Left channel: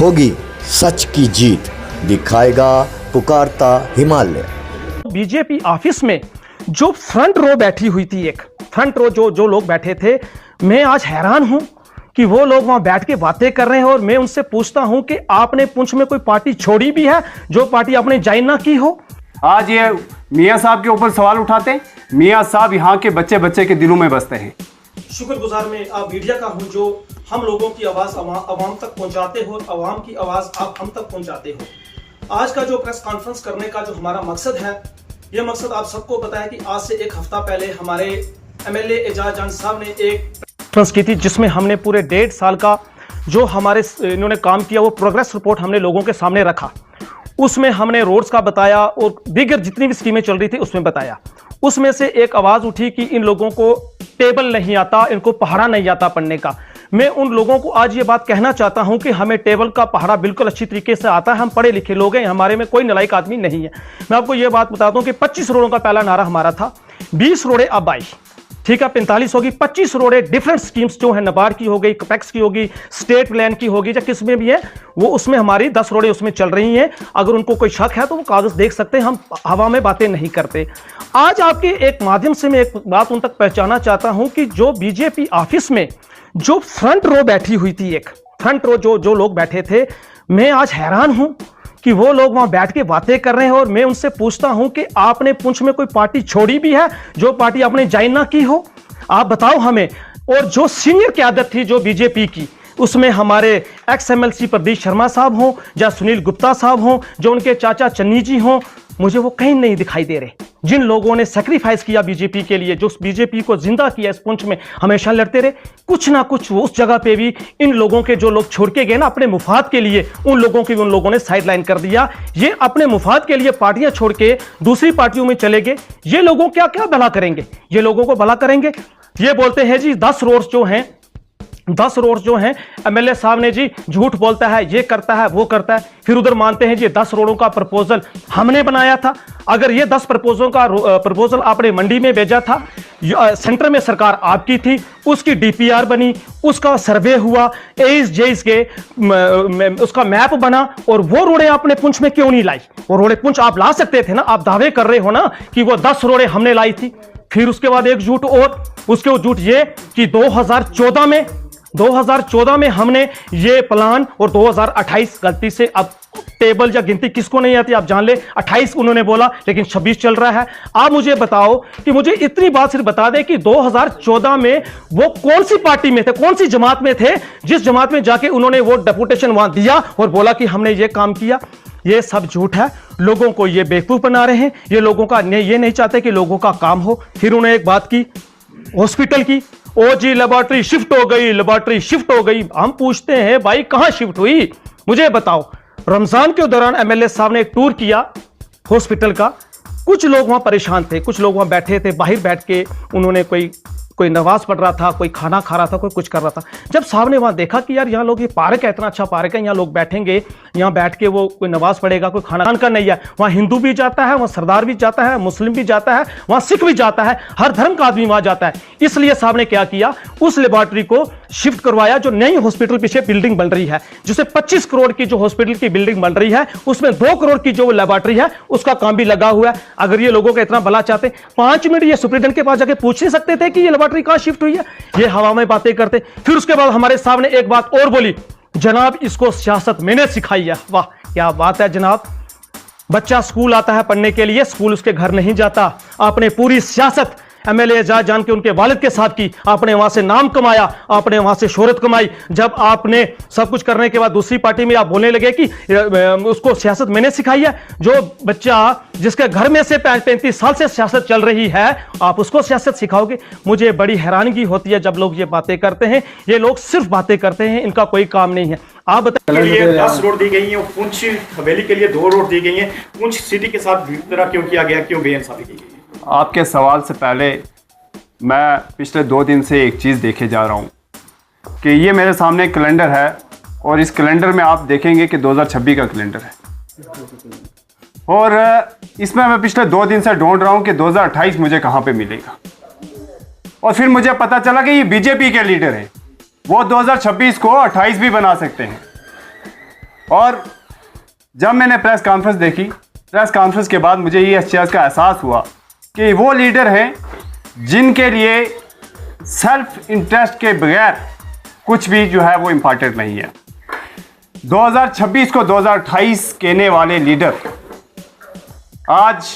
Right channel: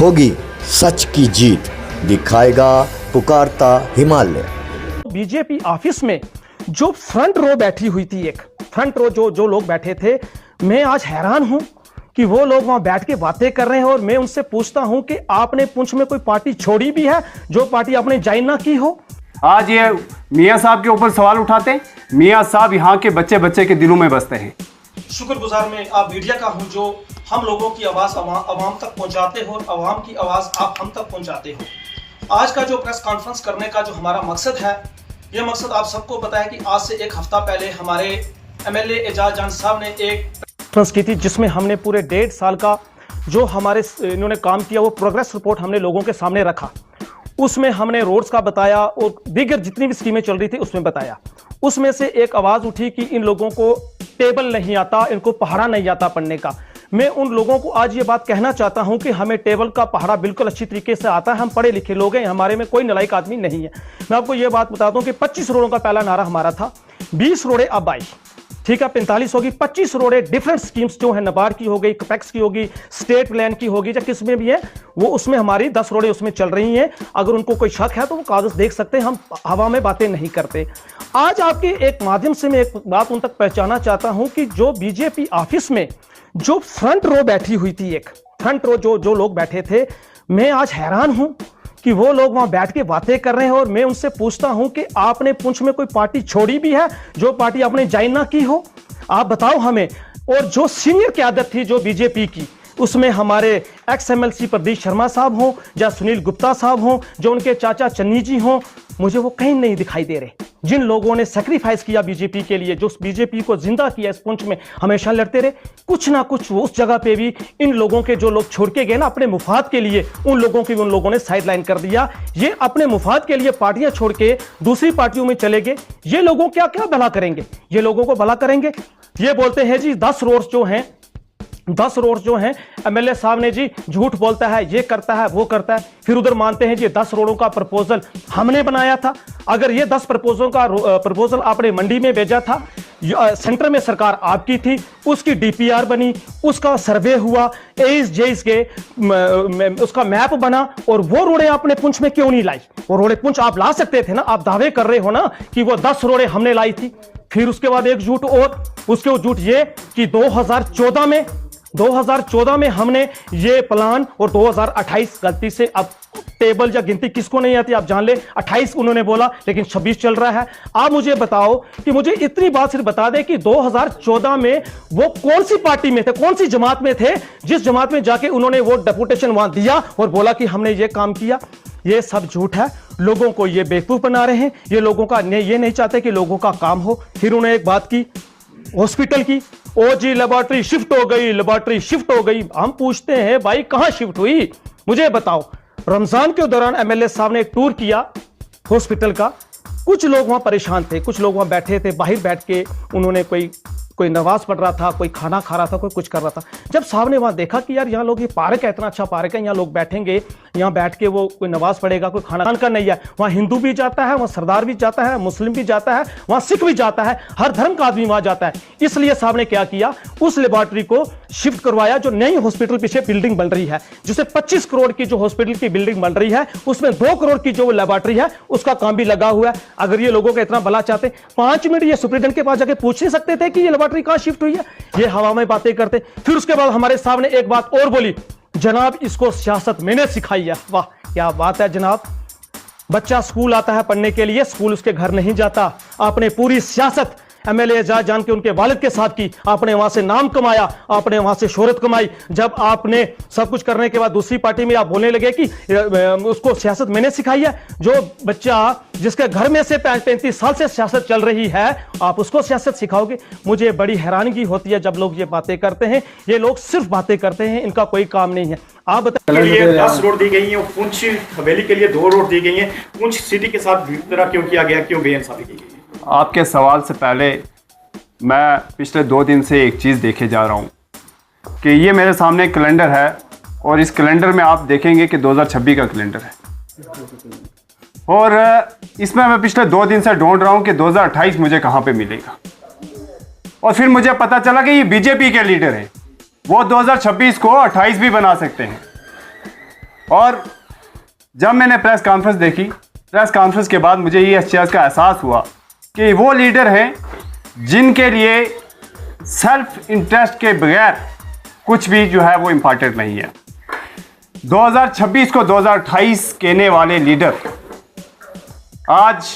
होगी सच की जीत, दिखाएगा पुकारता हिमालय। बीजेपी ऑफिस में जो फ्रंट रो बैठी हुई थी, एक फ्रंट रो जो लोग बैठे थे, मैं आज हैरान हूं कि वो लोग वहां बैठ के बातें कर रहे हैं। और मैं उनसे पूछता हूं कि आपने पुंछ में कोई पार्टी छोड़ी भी है जो पार्टी आपने ज्वाइन ना की हो? आज ये मियां साहब के ऊपर सवाल उठाते हैं। मियां साहब यहाँ के बच्चे बच्चे के दिलों में बसते हैं। शुक्रगुजार मैं आप मीडिया का हूं जो हम लोगों की आवाज़ अवाम तक पहुंचाते हो और अवाम की आवाज़ आप हम तक पहुंचाते हो। आज का जो प्रेस कॉन्फ्रेंस करने का जो हमारा मकसद है, यह मकसद आप सबको पता है कि आज से एक हफ्ता पहले हमारे एमएलए एजाज जान साहब ने एक कॉन्फ्रेंस की थी जिसमें हमने पूरे 1.5 साल का जो हमारे इन्होंने काम किया वो प्रोग्रेस रिपोर्ट हमने लोगों के सामने रखा। उसमें हमने रोड्स का बताया और दीगर जितनी भी स्कीमें चल रही थी उसमें बताया। उसमें से एक आवाज़ उठी कि इन लोगों को टेबल नहीं आता, इनको पहाड़ा नहीं आता पढ़ने का। मैं उन लोगों को आज ये बात कहना चाहता हूं कि हमें टेबल का पहाड़ा बिल्कुल अच्छी तरीके से आता है। हम पढ़े लिखे लोग हैं, हमारे में कोई नालायक आदमी नहीं है। मैं आपको ये बात बताता हूं कि 25 रोडों का पहला नारा हमारा था, 20 रोडें अब आई, ठीक है 45 होगी, 25 रोडें डिफरेंट स्कीम्स जो है, नबार्ड की हो गई, कपेक्स की होगी, स्टेट प्लान की होगी, या किस में भी है वो, उसमें हमारी 10 रोडें उसमें चल रही हैं। अगर उनको कोई शक है तो वो कागज देख सकते हैं, हम हवा में बातें नहीं करते। आज आपके एक माध्यम से मैं एक बात उन तक पहुंचाना चाहता हूं कि जो बीजेपी ऑफिस में जो फ्रंट रो बैठी हुई थी, एक फ्रंट रो जो लोग बैठे थे, मैं आज हैरान हूं कि वो लोग वहां बैठ के बातें कर रहे हैं। और मैं उनसे पूछता हूं कि आपने पुंछ में कोई पार्टी छोड़ी भी है जो पार्टी आपने ज्वाइन ना की हो? आप बताओ हमें। और जो सीनियर क्यादत थी जो बीजेपी की, उसमें हमारे एक्स एमएलसी प्रदीप शर्मा साहब हों या सुनील गुप्ता साहब हों, जो उनके चाचा चन्नी जी हों, मुझे वो कहीं नहीं दिखाई दे रहे। जिन लोगों ने सेक्रीफाइस किया बीजेपी के लिए, जो बीजेपी को जिंदा किया, इस पुंछ में हमेशा लड़ते रहे, कुछ ना कुछ वो उस जगह पे भी इन लोगों के जो लोग छोड़ के गए ना अपने मुफाद के लिए, उन लोगों की उन लोगों ने साइडलाइन कर दिया। ये अपने मुफाद के लिए पार्टियां छोड़ के दूसरी पार्टियों में चले गए। ये लोगों क्या क्या भला करेंगे? ये लोगों को भला करेंगे? ये बोलते हैं जी 10 रोड्स जो हैं, 10 रोड जो हैं, एमएलए साहब ने जी झूठ बोलता है, ये करता है, वो करता है। फिर उधर मानते हैं जी 10 रोडों का प्रपोजल हमने बनाया था। अगर ये 10 प्रपोजल आपने मंडी में भेजा था, सेंटर में सरकार आपकी थी, उसकी डीपीआर बनी, उसका सर्वे हुआ, एज जेज के उसका मैप बना, और वो रोडें आपने पुंछ में क्यों नहीं लाई? वो रोडें पुंछ आप ला सकते थे ना। आप दावे कर रहे हो ना कि वो 10 रोडें हमने लाई थी। फिर उसके बाद एक झूठ और, उसके झूठ ये कि 2014 में हमने ये प्लान, और 2028 गलती से, अब टेबल या गिनती किसको नहीं आती आप जान ले, 28 उन्होंने बोला लेकिन 26 चल रहा है। आप मुझे बताओ कि मुझे इतनी बात सिर्फ बता दे कि 2014 में वो कौन सी पार्टी में थे, कौन सी जमात में थे, जिस जमात में जाके उन्होंने वो डेपुटेशन वहां दिया और बोला कि हमने ये काम किया। ये सब झूठ है। लोगों को ये बेवकूफ बना रहे हैं। ये लोगों का ये नहीं चाहते कि लोगों का काम हो। फिर उन्होंने एक बात की हॉस्पिटल की, ओ जी लेबोरेटरी शिफ्ट हो गई, लेबोरेटरी शिफ्ट हो गई। हम पूछते हैं भाई कहां शिफ्ट हुई? मुझे बताओ। रमजान के दौरान एमएलए साहब ने एक टूर किया हॉस्पिटल का। कुछ लोग वहां परेशान थे, कुछ लोग वहां बैठे थे, बाहर बैठ के उन्होंने कोई नमाज पढ़ रहा था, कोई खाना खा रहा था, कोई कुछ कर रहा था। जब साहब ने वहां देखा कि यार यहाँ लोग, ये पार्क है, इतना अच्छा पार्क है, यहाँ लोग बैठेंगे, यहाँ बैठ के वो कोई नमाज पढ़ेगा, कोई खाना का नहीं है। वहाँ हिंदू भी जाता है, वहाँ सरदार भी जाता है, मुस्लिम भी जाता है, वहाँ सिख भी जाता है, हर धर्म का आदमी वहाँ जाता है। इसलिए साहब ने क्या किया, उस लेबोरेटरी को शिफ्ट करवाया। जो नई हॉस्पिटल पीछे बिल्डिंग बन रही है, जिसे 25 करोड़ की जो हॉस्पिटल की बिल्डिंग बन रही है, उसमें 2 करोड़ की जो लेबोरेटरी है उसका काम भी लगा हुआ है। अगर ये लोगों का इतना भला चाहते, 5 मिनट ये सुप्रीटेंडेंट के पास जाके पूछ नहीं सकते थे कि ये लेबोरेटरी कहां शिफ्ट हुई है? ये हवा में बातें करते। फिर उसके बाद हमारे सामने एक बात और बोली, जनाब इसको सियासत मैंने सिखाई है। वाह क्या बात है जनाब। बच्चा स्कूल आता है पढ़ने के लिए, स्कूल उसके घर नहीं जाता। आपने पूरी सियासत एमएलए एजाज जान के उनके वालिद के साथ की। आपने वहां से नाम कमाया, आपने वहां से शोहरत कमाई। जब आपने सब कुछ करने के बाद दूसरी पार्टी में आप बोलने लगे कि उसको सियासत मैंने सिखाई है। जो बच्चा जिसके घर में से 35 साल से सियासत चल रही है, आप उसको सियासत सिखाओगे? मुझे बड़ी हैरानगी होती है जब लोग ये बातें करते हैं। ये लोग सिर्फ बातें करते हैं, इनका कोई काम नहीं है। आप बताइए। 10 रोड दी गई हैं, पुंछ हवेली के लिए 2 रोड दी गई हैं। पुंछ सिटी के साथ तरह क्यों किया गया, क्यों बेइंसाफी की गई? आपके सवाल से पहले मैं पिछले 2 दिन से एक चीज़ देखे जा रहा हूँ कि ये मेरे सामने कैलेंडर है, और इस कैलेंडर में आप देखेंगे कि 2026 का कैलेंडर है, और इसमें मैं पिछले 2 दिन से ढूंढ रहा हूँ कि 2028 मुझे कहाँ पे मिलेगा। और फिर मुझे पता चला कि ये बीजेपी के लीडर हैं, वो 2026 को 28 भी बना सकते हैं। और जब मैंने प्रेस कॉन्फ्रेंस देखी, प्रेस कॉन्फ्रेंस के बाद मुझे ये इस चीज़ का एहसास हुआ कि वो लीडर हैं जिनके लिए सेल्फ इंटरेस्ट के बगैर कुछ भी जो है वो इम्पॉर्टेंट नहीं है। 2026 को 2028 कहने वाले लीडर आज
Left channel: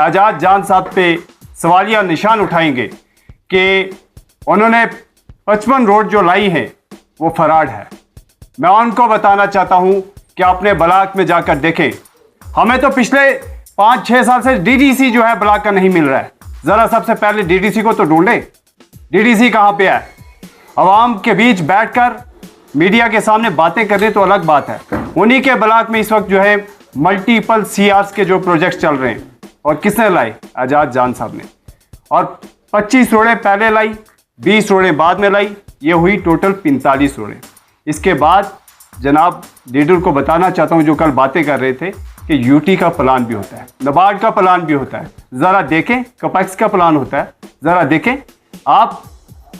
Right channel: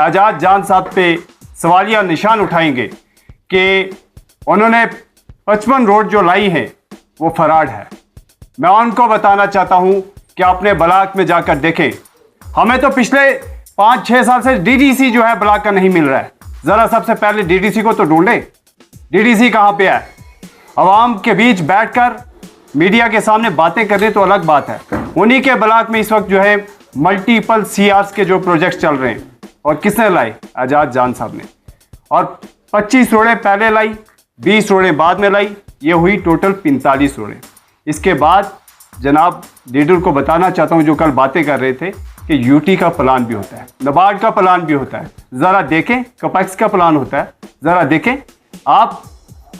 आज़ाद जान साहब पे सवालिया निशान उठाएंगे कि उन्होंने 55 रोड जो लाई है वो फराड है। मैं उनको बताना चाहता हूं कि अपने ब्लॉक में जाकर देखें। हमें तो पिछले 5-6 साल से डीडीसी जो है ब्लॉक का नहीं मिल रहा है। ज़रा सबसे पहले डीडीसी को तो ढूंढें। डीडीसी कहाँ पे है? आवाम के बीच बैठकर मीडिया के सामने बातें करने तो अलग बात है। उन्हीं के ब्लॉक में इस वक्त जो है मल्टीपल सीआर्स के जो प्रोजेक्ट्स चल रहे हैं, और किसने लाए? आज़ाद जान साहब ने। और 25 रोडें पहले लाई, 20 रोडें बाद में लाई, ये हुई टोटल 45 रोडें। इसके बाद जनाब लीडर को बताना चाहता हूं, जो कल बातें कर रहे थे कि यूटी का प्लान भी होता है, नाबार्ड का प्लान भी होता है। ज़रा देखें, कपैक्स का प्लान होता है, ज़रा देखें। आप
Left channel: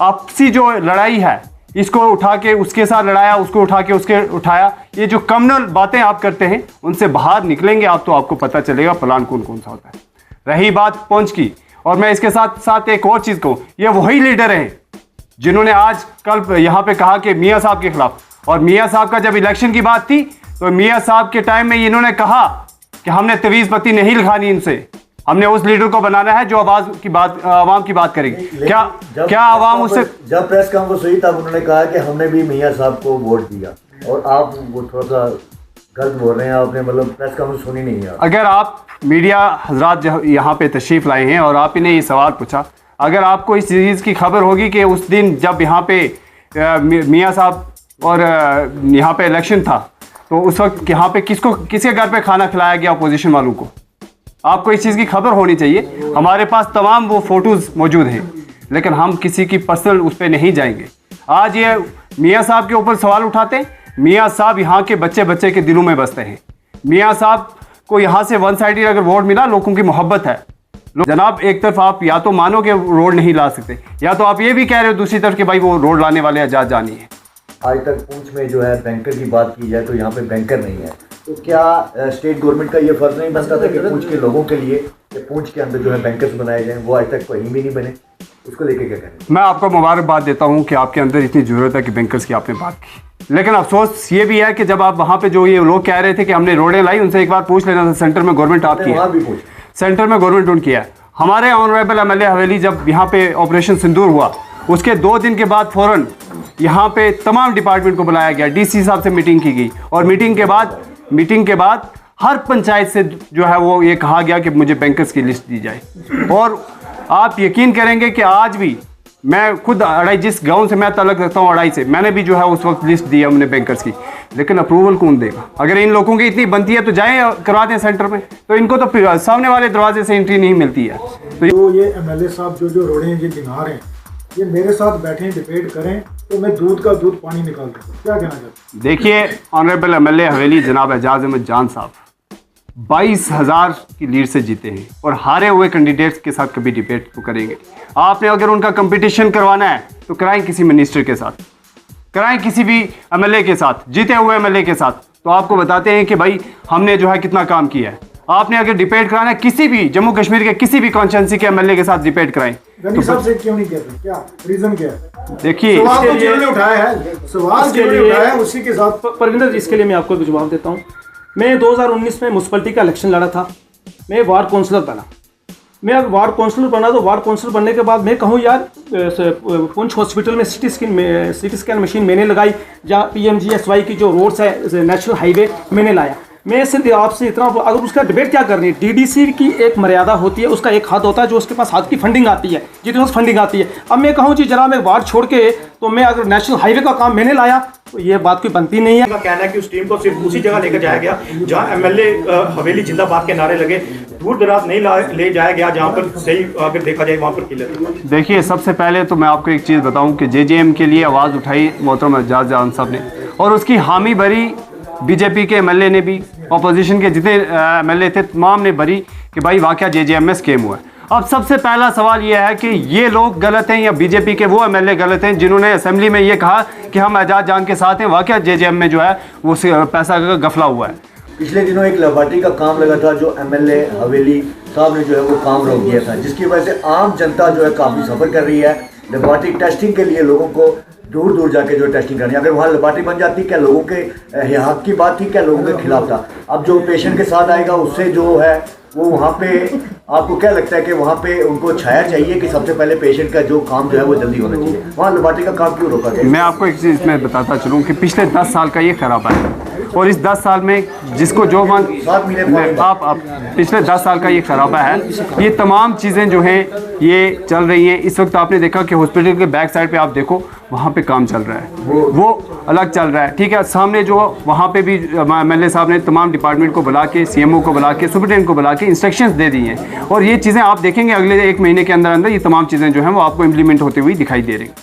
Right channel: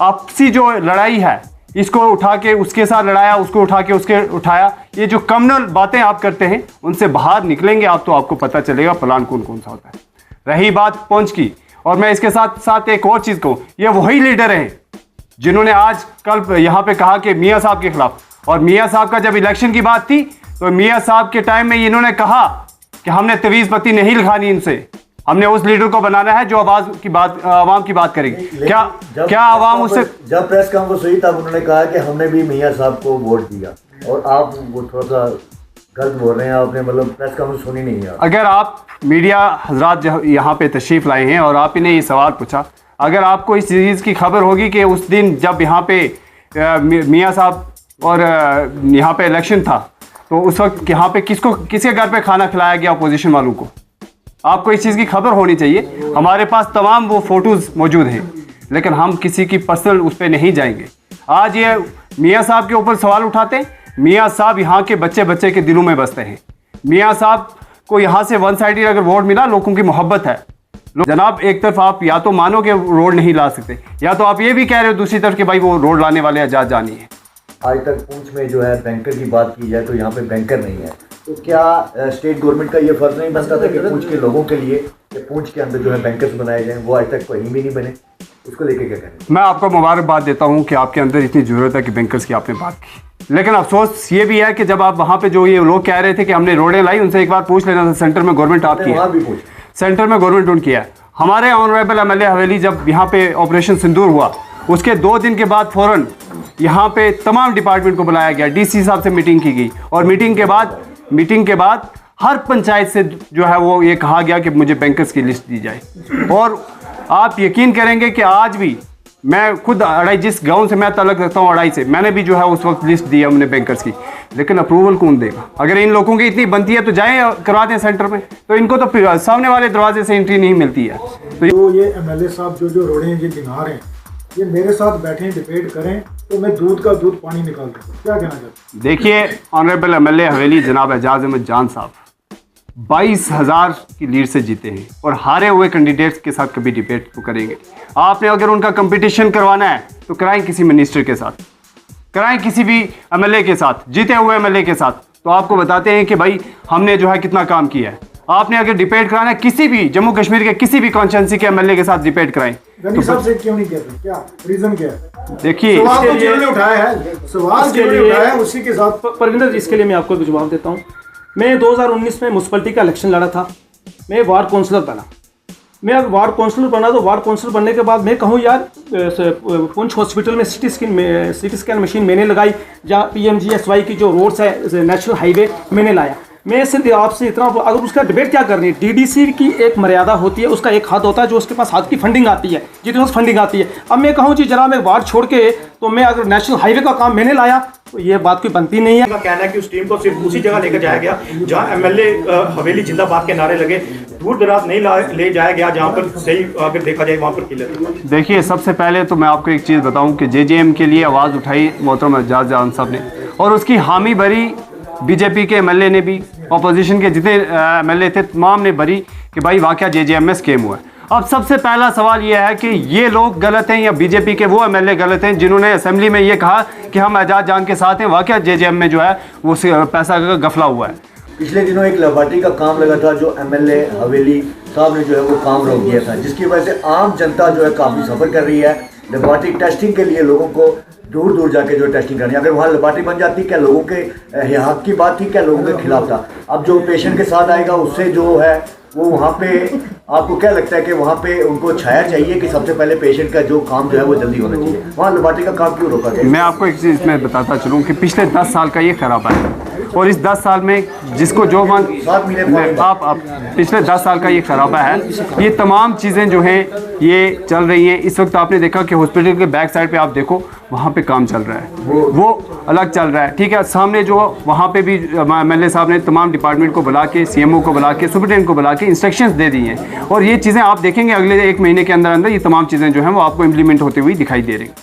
आपसी जो लड़ाई है, इसको उठा के उसके साथ लड़ाया, उसको उठा के उसके उठाया, ये जो कम्युनल बातें आप करते हैं, उनसे बाहर निकलेंगे आप तो आपको पता चलेगा प्लान कौन कौन सा होता है। रही बात पहुंच की, और मैं इसके साथ साथ एक और चीज़ कहूँ, ये वही लीडर हैं जिन्होंने आज कल यहाँ पे कहा कि मियाँ साहब के खिलाफ, और मियाँ साहब का जब इलेक्शन की बात थी तो मियाँ साहब के टाइम में इन्होंने कहा कि हमने तवीज़ पत्ती नहीं लिखानी इनसे, हमने उस लीडर को बनाना है जो आवाम की बात करेगी। क्या आवाम उससे? जब प्रेस कॉन्फ्रेंस हुई तब उन्होंने कहा कि हमने भी मियाँ साहब को वोट दिया, और आप वो थोड़ा सा गलत बोल रहे हैं। आपने मतलब प्रेस कॉन्फ्रेंस सुनी नहीं है। अगर आप मीडिया हजरात यहाँ पे तशरीफ़ लाए हैं और आप इन्हें ये सवाल पूछा, अगर आपको इस चीज़ की खबर होगी कि उस दिन जब यहाँ पे मियाँ साहब और यहाँ पे इलेक्शन था, तो उस वक्त यहाँ पे किसके घर पे खाना खिलाया गया अपोजिशन वालों को, आपको इस चीज़ की खबर होनी चाहिए। हमारे पास तमाम वो फ़ोटोज़ मौजूद हैं, लेकिन हम किसी की पर्सनल उस पर नहीं जाएंगे। आज ये मियाँ साहब के ऊपर सवाल उठाते हैं। मियाँ साहब यहाँ के बच्चे के दिलों में बसते हैं। मियाँ साहब को यहाँ से वन साइडेड अगर वोट मिला, लोगों की मोहब्बत है। जनाब एक तरफ आप या तो मानो कि रोड नहीं ला सकते, या तो आप ये भी कह रहे हो दूसरी तरफ कि भाई वो रोड लाने वाले आज़ाद जानी है। आज तक पूंछ में जो है बैंकर की बात की जाए तो यहाँ पे बैंकर नहीं है, तो क्या स्टेट गवर्नमेंट का ये फर्ज नहीं बनता था कि पूंछ के लोगों के लिए कि पूंछ के अंदर जो है बैंकर्स बनाए जाएं? वो आज तक कहीं भी नहीं बने, उसको लेके क्या करें? मैं आपको मुबारकबाद देता हूँ कि आपके अंदर इतनी ज़रूरत है कि बैंकर्स की आपने बात की, लेकिन अफसोस ये भी है कि जब आप वहाँ पे जो ये लोग कह रहे थे कि हमने रोडें लाई, उनसे एक बार पूछ लेना था सेंटर में गवर्नमेंट आपकी है, सेंटर में गवर्नमेंट उनकी है। हमारे ऑनरेबल एमएलए हवेली जब यहाँ पे ऑपरेशन सिंदूर हुआ, उसके 2 दिन के बाद फ़ौरन यहाँ पे तमाम डिपार्टमेंट को बुलाया गया, डीसी साहब से मीटिंग की गई, और मीटिंग के बाद हर पंचायत से जो है वो ये कहा गया कि मुझे बैंकर्स की लिस्ट दी जाए। और आप यकीन करेंगे कि आज भी मैं खुद अड़ाई, जिस गांव से मैं ताल्लुक़ रखता हूँ अड़ाई से, मैंने भी जो है उस वक्त लिस्ट दी है हमने बैंकर्स की, लेकिन अप्रूवल कौन देगा? अगर इन लोगों की इतनी बनती है तो जाएं करवा दें सेंटर में, तो इनको तो फिर सामने वाले दरवाजे से एंट्री नहीं मिलती है। तो ये एमएलए साहब जो रोड़े ये गिना रहे हैं, ये मेरे साथ बैठे डिबेट करें तो मैं दूध का दूध पानी निकाल दूँ। क्या कहना चाहते? देखिए ऑनरेबल एमएलए हवेली जनाब एजाज अहमद जान साहब 22,000 की लीड से जीते हैं, और हारे हुए कैंडिडेट्स के साथ कभी डिबेट तो करेंगे। आपने अगर उनका कंपटीशन करवाना है तो कराएं किसी मिनिस्टर के साथ, कराएं किसी भी एमएलए के साथ, जीते हुए एमएलए के साथ, तो आपको बताते हैं कि भाई हमने जो है कितना काम किया है। आपने अगर डिबेट कराना है किसी भी जम्मू कश्मीर के किसी भी कॉन्स्टिट्यूंसी के एमएलए के साथ डिबेट कराएं, तो सबसे क्यों नहीं कहते? क्या रीजन क्या है? देखिए सवाल तो जिन्होंने उठाया है, सवाल जिन्होंने उठाया है उसी के साथ। परविंदर जी, इसके लिए मैं आपको जवाब देता हूँ। मैं 2019 में म्यूनसिपलिटी का इलेक्शन लड़ा था, मैं वार्ड काउंसलर बना। मैं अब वार्ड काउंसलर बना, तो वार्ड काउंसलर बनने के बाद मैं कहूँ यार पुंछ हॉस्पिटल में सिटी स्कैन मशीन मैंने लगाई, जहाँ PMGSY की जो रोड्स है नेशनल हाईवे मैंने लाया। मैं सिर्फ आपसे इतना, अगर उसका डिबेट क्या करनी है, डीडीसी की एक मर्यादा होती है, उसका एक हद होता है जो उसके पास हाथ की फंडिंग आती है, जितनी उस फंडिंग आती है। अब मैं कहूँ जी जरा मैं वार्ड छोड़ के, तो मैं अगर नेशनल हाईवे का काम मैंने लाया तो ये बात कोई बनती नहीं है। का कहना है कि उस टीम को सिर्फ उसी जगह लेकर जाया गया जहां एमएलए हवेली जिंदाबाद के नारे लगे, दूर दराज नहीं ले जाया गया जहां पर सही अगर देखा जाए वहां पर किले। देखिए सबसे पहले तो मैं आपको एक चीज़ बताऊं कि JJM के लिए आवाज़ उठाई मोहतरम एजाज जान साहब ने, और उसकी हामी भरी बीजेपी के एमएलए ने भी, अपोजिशन के जितने एमएलए थे तमाम ने भरी कि भाई वाकया JJM में स्कैम हुआ है। अब सबसे पहला सवाल यह है कि ये लोग गलत हैं या बीजेपी के वो एमएलए गलत हैं जिन्होंने असेंबली में ये कहा कि हम एजाज जान के साथ हैं। वाकई जेजेएम में जो है वो पैसा का गफला हुआ है। पिछले दिनों एक लेबॉर्ट्री का काम लगा था जो एमएलए हवेली साहब ने जो है वो काम रोक दिया था, जिसकी वजह से आम जनता जो है काफ़ी सफ़र कर रही है। लेबॉर्ट्री टेस्टिंग के लिए लोगों को दूर दूर जाके जो टेस्टिंग करनी है, अगर वहाँ लेबॉर्ट्री बन जाती क्या लोगों के हक की बात थी, क्या लोगों के खिलाफ था? अब जो पेशेंट के साथ आएगा उससे जो है वो वहाँ पे आपको क्या लगता है कि वहाँ पे उनको छाया चाहिए कि सबसे पहले पेशेंट का जो काम जो है वो जल्दी होना चाहिए? वहाँ लेबॉर्ट्री का काम क्यों रोका गया? मैं आपको एक चीज़ इसमें बताता चलूँ कि पिछले 10 साल का ये खराबा है और इस 10 साल में जिसको जो मान आप पिछले 10 साल का ये खराबा है। ये तमाम चीज़ें जो हैं ये चल रही हैं। इस वक्त आपने देखा कि हॉस्पिटल के बैक साइड पे आप देखो वहाँ पे काम चल रहा है, वो अलग चल रहा है, ठीक है। सामने जो वहाँ पे भी एमएलए साहब ने तमाम डिपार्टमेंट को बुला के, सीएमओ को बुला के, सुपरिटेंडेंट को बुला के इंस्ट्रक्शंस दे दी हैं और ये चीज़ें आप देखेंगे अगले 1 महीने के अंदर अंदर ये तमाम चीज़ें जो हैं वो आपको इम्प्लीमेंट होती हुई दिखाई दे रही हैं।